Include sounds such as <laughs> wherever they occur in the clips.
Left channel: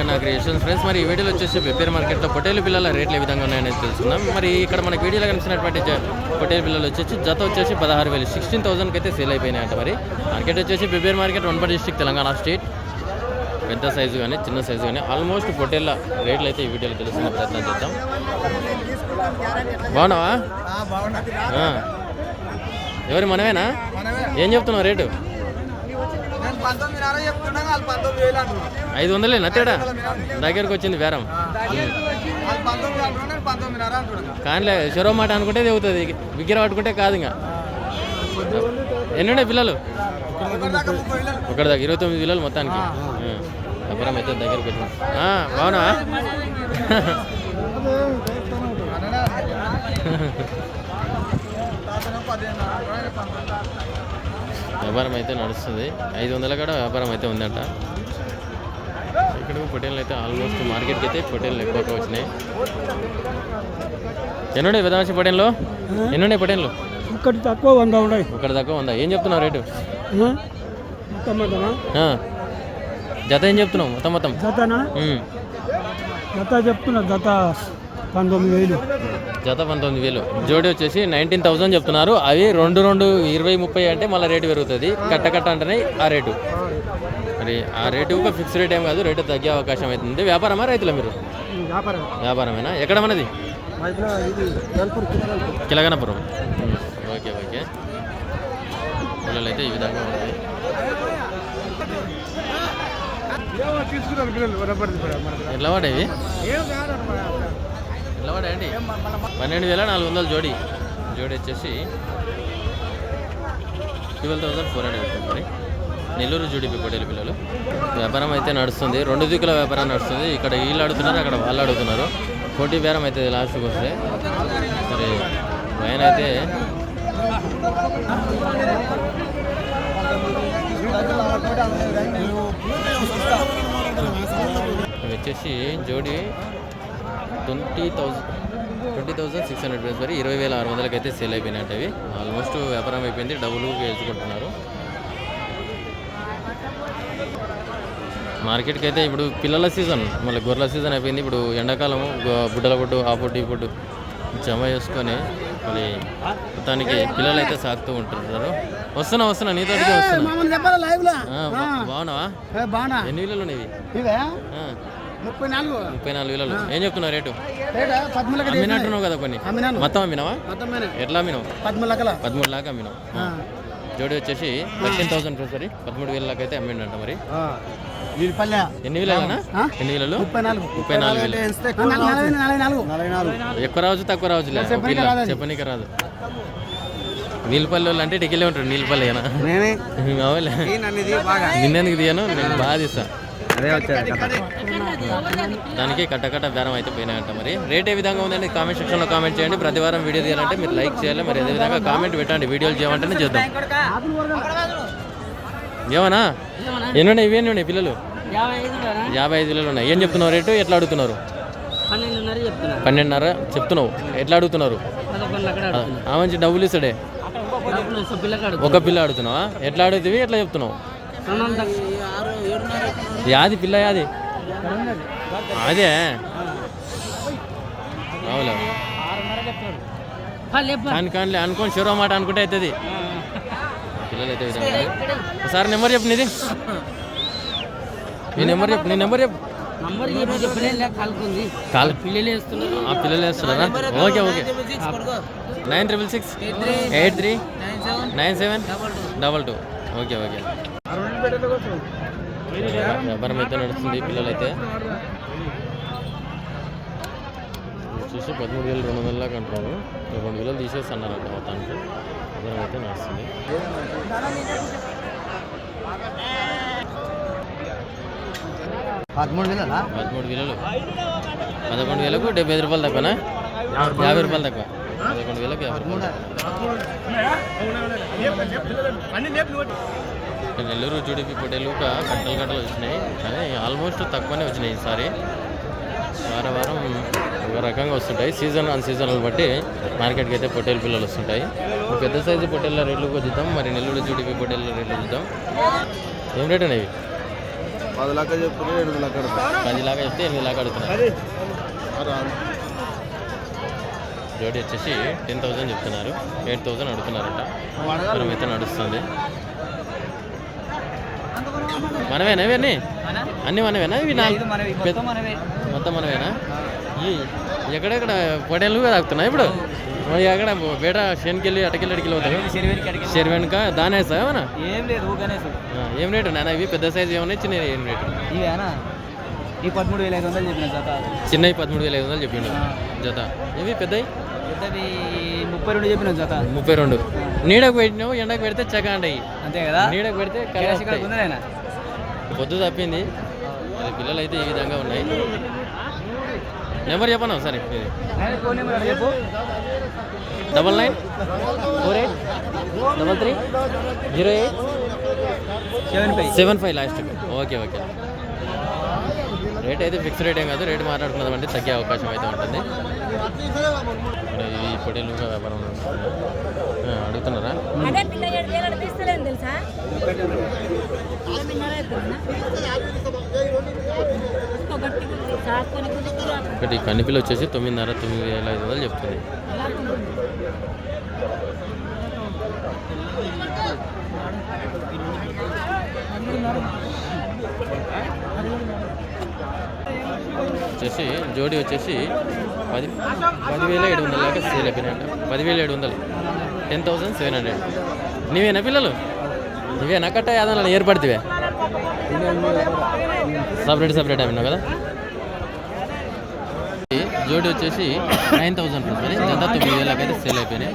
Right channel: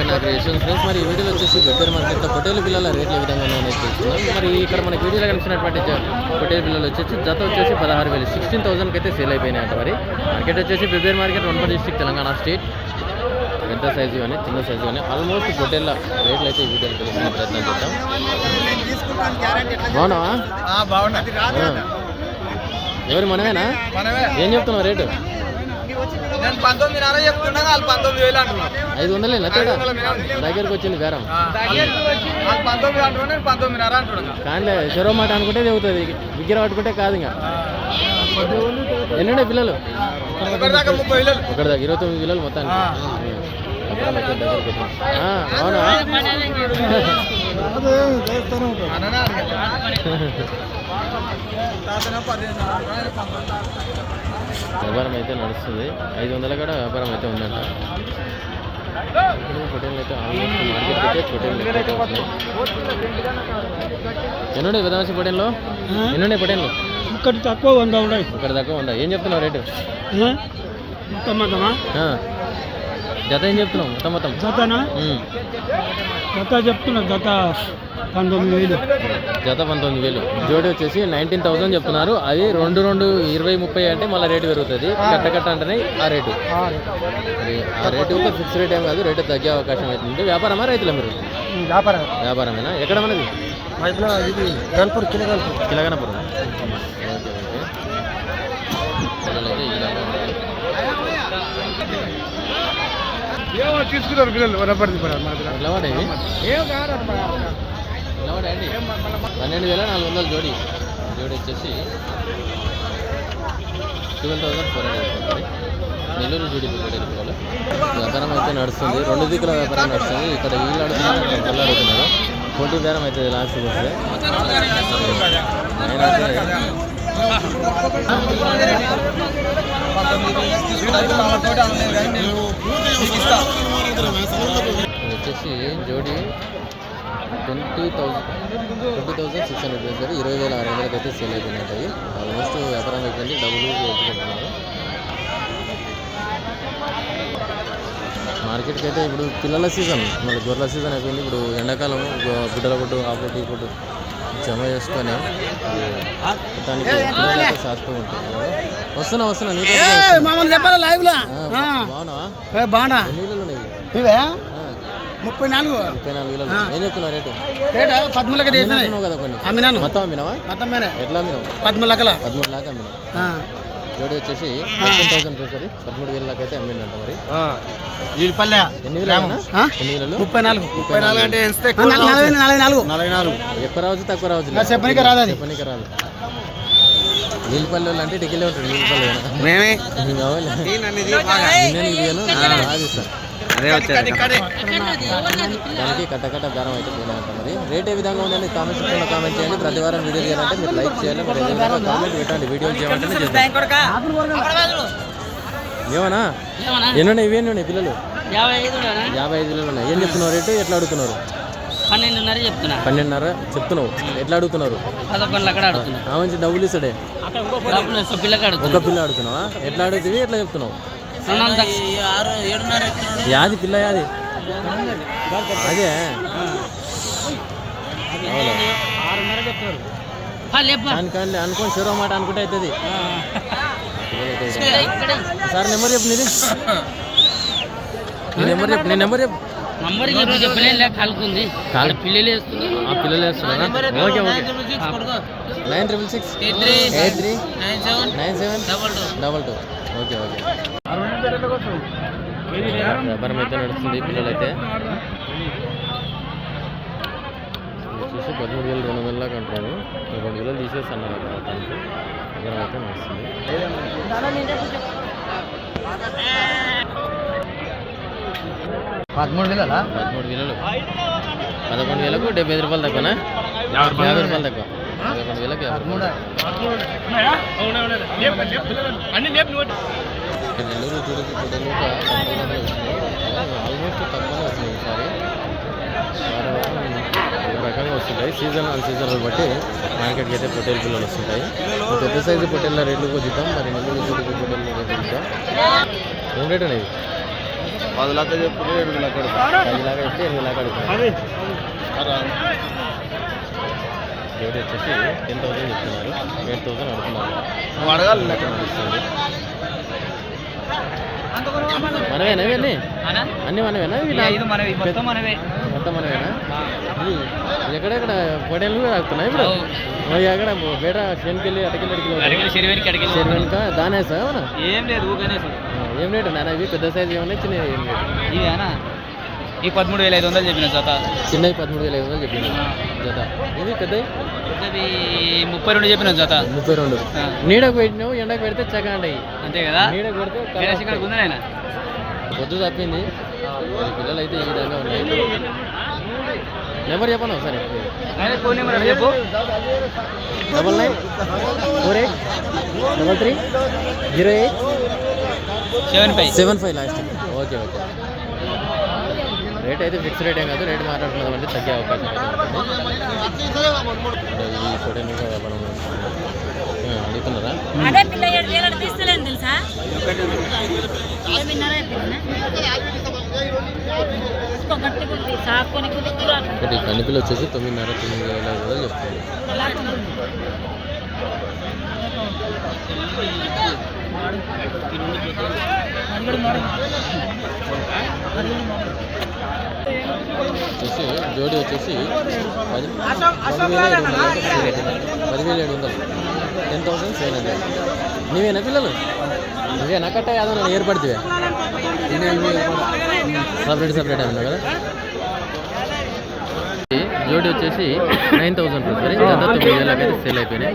ఇక్కడ నాకు creation friends మరి ఈ వీడియోలో వచ్చేసి పెప్పేరు మార్కెట్లో పొటేలు పిల్లల రేట్లు ఏ విధంగా ఉన్నాయని తెలుసుకుందాం. మరి ఇక్కడ మనకి వీడియోలో కనిపిస్తున్నటువంటి జ- పొటేలు పిల్లలు వచ్చేసి జత వచ్చేసి పదహారు వేలు సిక్స్టీన్ థౌసండ్కి అయితే సేల్ అయిపోయినాయి అంట మరి. మార్కెట్ వచ్చేసి pepper market one per district Telangana state. పెద్ద సైజు కానీ చిన్న సైజు కానీ ఆల్మోస్ట్ పొటేళ్ళ రేట్లు అయితే ఈ వీడియోలో తెలుసుకునే ప్రయత్నం చేద్దాం. బాగున్నావా. ఎవరు మనమేనా? మనమే. ఏం చెప్తున్నావు రేటు? నేను పంతొమ్మిదిన్నర చెప్తున్నా వాళ్ళు పంతొమ్మిది వేలు అంటున్నాను ఐదు వందలేనా తేడా. దగ్గరికి వచ్చింది బేరం. వాళ్ళు పంతొమ్మిది అంటున్నా నేను పంతొమ్మిదిన్నర అంటున్నా కానీ చెరవ మాట అనుకుంటే తెగుతుంది విగ్గిర పట్టుకుంటే కాదు ఇంకా. ఎన్నుండే పిల్లలు? ఒకటి దాకా ముప్పై ఒకటి ఇరవై తొమ్మిది పిల్లలు మొత్తానికి. అప్పుడు అయితే అవునా? తాతనే పదిహేనున్నర అంటున్నా నేను పంతొమ్మిది వ్యాపారం అయితే నడుస్తుంది. ఐదు వందల కూడా వ్యాపారం అయితే ఉందంట. ఇక్కడ అయితే ఆల్మోస్ట్ మార్కెట్కి అయితే పొటేళ్ళు ఎక్కువగా వచ్చినాయి. ఎన్నుండే విధాంశ పొటేళ్ళు ఎన్నుండే పొటేళ్ళు ఇక్కడ తక్కువ వంద ఉన్నాయి. ఇక్కడ దాకా ఉందా ఏం చెప్తున్నావు రేటు? మొత్తం మొత్తమా ఆ. జత ఏం చెప్తున్నావు? మొత్తం మొత్తం. జతను. జత చెప్తున్నా జత పంతొమ్మిది వేలు. జత పంతొమ్మిది వేలు. జోడి వచ్చేసి నైన్టీన్ థౌసండ్ చెప్తున్నారు. అవి రెండు రెండు ఇరవై ముప్పై అంటే మళ్ళీ రేటు పెరుగుతుంది. కట్ట కట్ట అంటేనే ఆ రేటు. మరి ఆ రేటు ఒక ఫిక్స్ రేట్ ఏం కాదు రేటు తగ్గే అవకాశం అవుతుంది. వ్యాపారమా రైతుల మీరు? వ్యాపారం. వ్యాపారమేనా? ఎక్కడ మనది కిలగనపురం ఓకే ఓకే పిల్లలైతే ఈ విధంగా ఉన్నాయి. తీసుకున్నారు పిల్లలు వనపడి ఎట్లా పడేవి ఏం కాదు ఎట్లా పడాయండి పన్నెండు వేల నాలుగు వందలు జోడి. జోడి వచ్చేసి ట్వెల్వ్ థౌసండ్ ఫోర్ హండ్రెడ్ అవుతుంది నెల్లూరు జోడి పిల్లలు పిల్లలు. వ్యాపారం అయితే నడుస్తుంది. రెండు దిక్కుల వ్యాపారం నడుస్తుంది. ఇక్కడ వీళ్ళు అడుగుతున్నారు అక్కడ వాళ్ళు అడుగుతున్నారు పోటీ బేరం అయితే లాస్ట్కి వస్తే. ఆయన అయితే వచ్చేసి జోడి twenty thousand twenty thousand six hundred rupees వరకు ఇరవై వేల ఆరు వందలకి అయితే సేల్ అయిపోయినట్టు అవి ఆల్మోస్ట్ వ్యాపారం అయిపోయింది డబ్బులు వేసుకుంటున్నారు మార్కెట్కి అయితే ఇప్పుడు పిల్లల సీజన్ మళ్ళీ గొర్రెల సీజన్ అయిపోయింది. ఇప్పుడు ఎండాకాలం గుడ్డల పొట్టు ఆ పొట్టు ఈ పొట్టు జమ చేసుకొని దానికి పిల్లలు అయితే సాగుతూ ఉంటున్నారు వస్తున్నా వస్తున్నా నీతో మామూలు చెప్పాలి లైవ్లో? బాగున్నావా? బాగున్నా? ఎన్ని వీళ్ళు ఉన్నాయి? ఇవే? ముప్పై నాలుగు. ముప్పై నాలుగు వేలు ఏం చెప్తున్నా రేటు? రేట పదమూలకి కదా కొన్ని. అమ్మినాను. మొత్తం అమ్మినావా? మొత్తం ఎట్లా అమ్మినావు? పదమూడు లాగా అమ్మినావు. జోడి వచ్చేసి ఫిఫ్టీన్ థౌసండ్ సారీ పదమూడు వేల అయితే అమ్మిండంట మరి. వీళ్ళపల్లె ఎన్ని ఎన్ని వేలు ముప్పై నాలుగు. ముప్పై నాలుగు అంటే నలభై నాలుగు నలభై నాలుగు ఎక్కువ రావచ్చు తక్కువ రావచ్చు. చెప్పనీకి రాదు. నీళ్ళపల్లి అంటే టికెట్ ఉంటారు నీళ్ళపల్లి మేమే. దిగాను? బాగా తీస్తాం. అదే వచ్చారు. దానికి కట్ట కట్ట బేరం అయితే పోయినాయంట మరి. రేట్ ఏ విధంగా ఉందని కామెంట్ సెక్షన్లో కామెంట్ చేయండి. ప్రతి వారం వీడియో చేయాలంటే మీరు లైక్ చేయాలి. మరి అదేవిధంగా కామెంట్ పెట్టండి. వీడియోలు చేయమంటేనే చేద్దాం. ఏమన్నా? ఎన్ని ఇవి ఎన్ని ఉన్నాయి పిల్లలు? యాభై ఐదు పిల్లలు ఉన్నాయి. ఏం చెప్తున్నారు రేటు? ఎట్లా అడుగుతున్నారు? పన్నెండున్నర చెప్తున్నా. పన్నెండున్నర చెప్తున్నావు. ఎట్లా అడుగుతున్నారు? మంచి డబ్బులు ఇస్తాడే. ఒక పిల్ల అడుగుతున్నావా? ఎట్లా అడుగుతుంది ఎట్లా చెప్తున్నావు? యాది పిల్ల యాది? అదే. అవులే లేపా కానీ కానీ అనుకోని షూరో మాట అనుకుంటే అవుతుంది సార్ నెంబర్ చెప్పు నీది. నీ నెంబర్ చెప్పు నీ నెంబర్ చెప్పు. నంబర్ ఇప్పుడు చెప్పలే లేక కాలుకుంది. కాలు- పిల్లలు వేస్తున్నారు. ఆ పిల్లలు వేస్తున్నారా okay okay. Nine triple six eight three nine seven nine seven? Double two. Double two. Okay okay. వ్యాపారం అయితే నడుస్తుంది పిల్లలైతే. వచ్చేసి పదమూడు వేలు రెండు వందల దాకా అంటున్నారు. రెండు వేలు తీసేస్తున్నారు మొత్తానికి. వ్యాపారం అయితే నడుస్తుంది. పదమూడు వేల పదమూడు వేలు పదకొండు వేలకు డెబ్బై ఐదు రూపాయలు తక్కువనా? యాభై రూపాయలు. తక్కువ. పదకొండు వేలకు నెల్లూరు జుడిపి పొడేలు ఒక గంటలు గంటలు వచ్చినాయి. కానీ ఆల్మోస్ట్ తక్కువనే వచ్చినాయి ఈసారి. వారం వారం ఒక రకంగా వస్తుంటాయి. సీజన్ ఆన్ సీజన్ బట్టి మార్కెట్కి అయితే పొట్టేలు పిల్లలు వస్తుంటాయి. పెద్ద సైజు పొట్టేళ్ళ రేట్లు చూద్దాం మరి నెల్లూరు జుడిపి పొట్టేళ్ళ రేట్లు చూద్దాం ఏం రేటు ఉన్నాయి? పది లక్షలు చెప్పుకుంటే ఎనిమిది లక్షలు పది లాగా చెప్తే ఎనిమిది లాగా అడుగుతున్నారు వచ్చేసి టెన్ థౌసండ్ చెప్తున్నారు. ఎయిట్ థౌసండ్ అడుగుతున్నారట. అడగాలి. లెక్క నడుస్తుంది. మనవేనా ఇవన్నీ అన్నీ? మనవేనా? ఇవి మొత్తం మనవే. మొత్తం మనమేనా ఈ- ఎక్కడెక్కడ పొడేళ్ళు తాగుతున్నాయి ఇప్పుడు? అక్కడ బేట శనికెళ్ళి అటకెళ్ళి అడిగి శనివారికి అడిగి శరి వెనుక దానే సార్ ఏమన్నా? ఏం లేదు ఏం రేటు? నాన్న ఇవి పెద్ద సైజు ఏమన్నా చిన్న ఏం రేటు? ఇవేనా ఈ పదమూడు వేల ఐదు వందలు చెప్పిన జత? చిన్నవి పదమూడు వేల ఐదు వందలు చెప్పింది జత. ఇవి పెద్దవి? ముప్పై రెండు చెప్పిన జత? ముప్పై రెండు. నీడకు పెట్టినావు ఎండకు పెడితే చక్క అంటాయి అంతే కదా? నీడకు పెడితే పొద్దు తప్పింది. మరి పిల్లలు అయితే ఈ విధంగా ఉన్నాయి. నెంబర్ చెప్పను ఒకసారి? ఫోన్ నెంబర్ చెప్పు. Double nine four eight double three zero eight seven five. Seven five last. Okay okay. Rate అయితే ఫిక్స్ రేట్ ఏం కాదు రేట్ మాట్లాడుకున్నాం అంటే తగ్గే అవకాశం అయితే ఉంటుంది. ఈ ఫోటో ఇంకా వ్యాపారం అడుగుతున్నారా? ఈ కనిపిల్ వచ్చేసి తొమ్మిదిన్నర తొమ్మిది వేల ఐదు వందలు చెప్తుంది. వచ్చేసి జోడి వచ్చేసి పది పదివేల ఏడు వందలు అంటే సేల్ అవుతుంది పదివేల ఏడు వందలు. టెన్ థౌసండ్ సెవెన్ హండ్రెడ్ నీవేనా పిల్లలు? నువ్వేనా కట్ట ఏదైనా ఏర్పడితే సపరేట్ సపరేట్ అన్నా కదా? జోడి వచ్చేసి నైన్ థౌసండ్ రూపీస్. జత తొమ్మిది వేలకైతే సేల్ అయిపోయినాయి.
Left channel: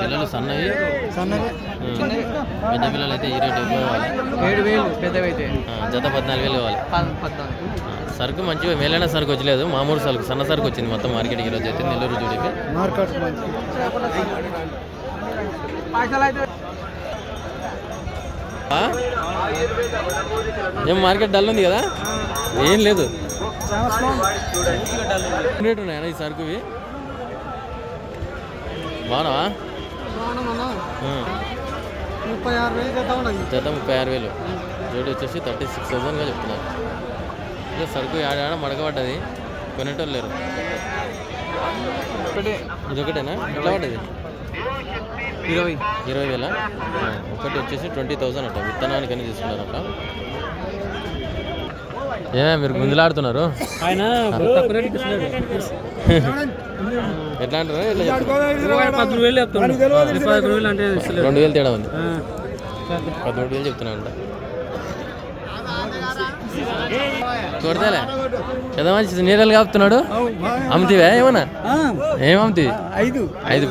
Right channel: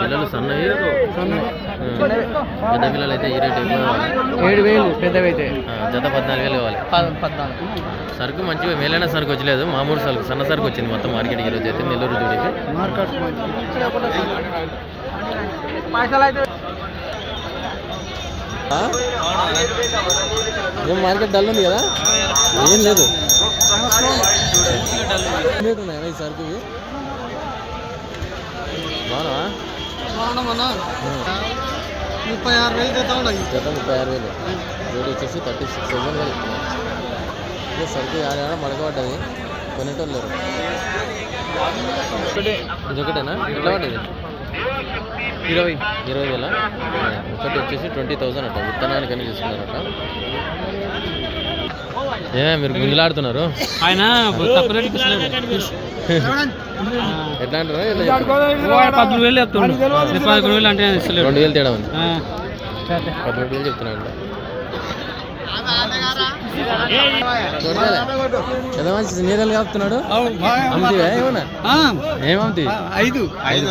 పిల్లలు సన్నవి. పెద్ద పిల్లలు అయితే ఈ రేట్ ఎక్కువ కావాలి. ఏడు వేలు పెద్దవి అయితే జత పద్నాలుగు వేలు కావాలి. సరుకు మంచిగా మేలైన సరుకు వచ్చలేదు. మామూలు సరుకు సన్న సరుకు వచ్చింది మొత్తం మార్కెట్కి ఈరోజు అయితే నెల్లూరు జోడికి? ఏం మార్కెట్ డల్ ఉంది కదా? ఏం లేదు. రేటు ఉన్నాయా ఈ సరుకువి? బాగున్నా ముప్పై ఆరు వేలు జత ఉన్నాయి జత ముప్పై ఆరు వేలు. జోడి వచ్చేసి థర్టీ సిక్స్ థౌసండ్గా చెప్తున్నారు ఇదే సరుకు ఆడ మడకబడ్డది. కొనేటోళ్ళు లేరు. ఇదొకటేనా ఎట్లా పడ్డది? ఇరవై. ఇరవై వేల? ఒకటి వచ్చేసి ట్వంటీ థౌసండ్ అట. విత్తనానికి అని తీసుకున్నారట. ఏ మీరు గుంజులాడుతున్నారు? ఆయన తక్కువ రేటుకి ఎట్లా అంటారు? వేలు అంటే రెండు వేలు తేడా ఉంది. పదమూడు వేలు చెప్తున్నాడు కొడతారా? ఎంత మంచి కాపుతున్నాడు? అమ్ముతావా? ఏమన్నా? ఆ, ఏం ఐదు. ఐదు.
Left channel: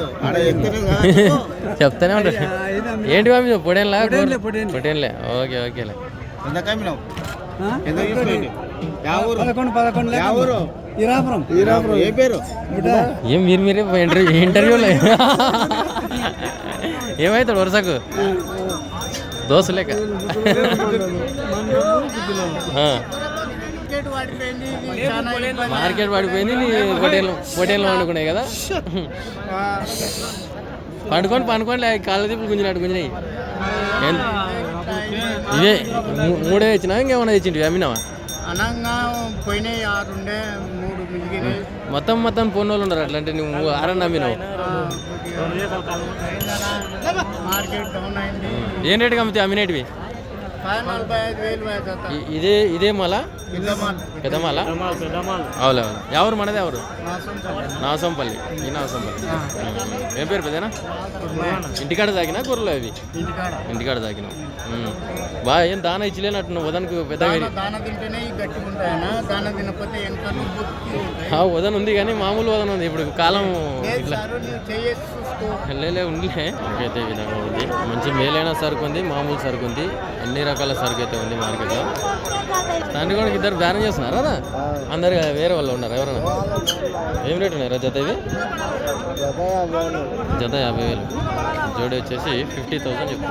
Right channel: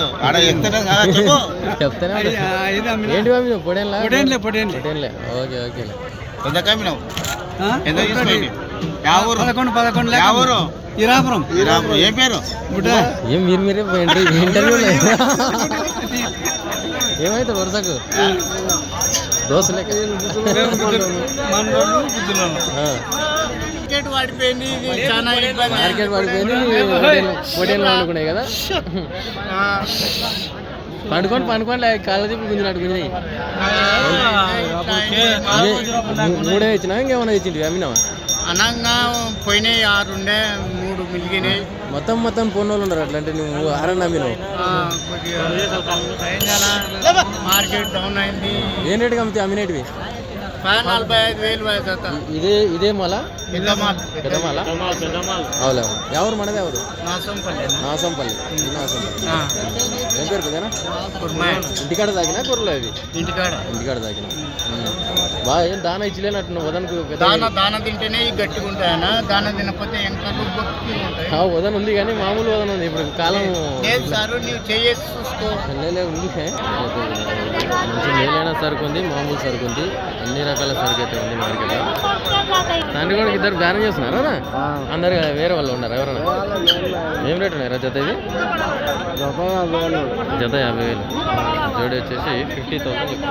చెప్తానే. <laughs> ఏంటి పొడేన్లా? పొటేన్లే. పొటేన్లే ఓకే ఓకేలే. పదకొండు పదకొండు యా ఊరు? ఇరాపురం. ఏ పేరు? ఏం మీరు మీరే ఇంటర్వ్యూలో వరుసకు? దోశ లేక ఆ. మార్కెట్ పడిపోయింది మార్కెట్ పడిపోయింది వండుకున్నాయి కదా. పండుకొని పండుకొని కాళ్ళ చెప్పి గుంజినట్టు గుంజినాయి. మూడే ఇచ్చినా? ఇంకేమైనా ఇచ్చింటి అమ్మినావా? అనంగా పోయినాయి ఆరు ఉండే మూడు మిగిలినాయి. మొత్తం మొత్తం పోయిన వాళ్ళు ఉన్నారు అట్లా అంటే నువ్వు ఆరని అమ్మినావు? ఆ, కొద్దిగా అయిందనా మార్కెట్ డౌన్ అయింది. ఏం రేటుకి అమ్మితే అమ్మినేటివి పది నలభై ఐదు వేలు ఇదే ఇదే మళ్ళా పెద్ద మాల్ పెద్ద మళ్ళా అవులే ఎవరు మనది ఎవరు నాసంపల్లి నాసంపల్లి ఈ నాసంపల్లి ఆ. ఏం పేరు పెద్దనా ఇంటికాడ తాగినా కూరలో అవి ఇంటికాడ ఇంటికాడ తాగిన బాగా ఏం దాన ఇచ్చలేనట్టు నువ్వు వదనకు దాన దాన తింటేనే గట్టిగా ఉంటాయనా దాన తినకపోతే ఆ వదన ఉంది కానీ మామూలు వదన ఉంది ఇప్పుడు కాలం లేలే ఉందిలే మంచి మేలైన సరుకు ఉంది మామూలు సరుకు ఉంది అన్ని రకాల సరుకు అయితే ఉంది మార్కెట్లో తండ్రి కూడా ఇద్దరు బ్యాన్ చేస్తున్నారా అందరు వేరే వాళ్ళు ఉన్నారు ఎవరన్నా? ఏం రేట్ ఉన్నాయి జత ఇది జత యాభై వేలు. జోడి వచ్చేసి ఫిఫ్టీ థౌసండ్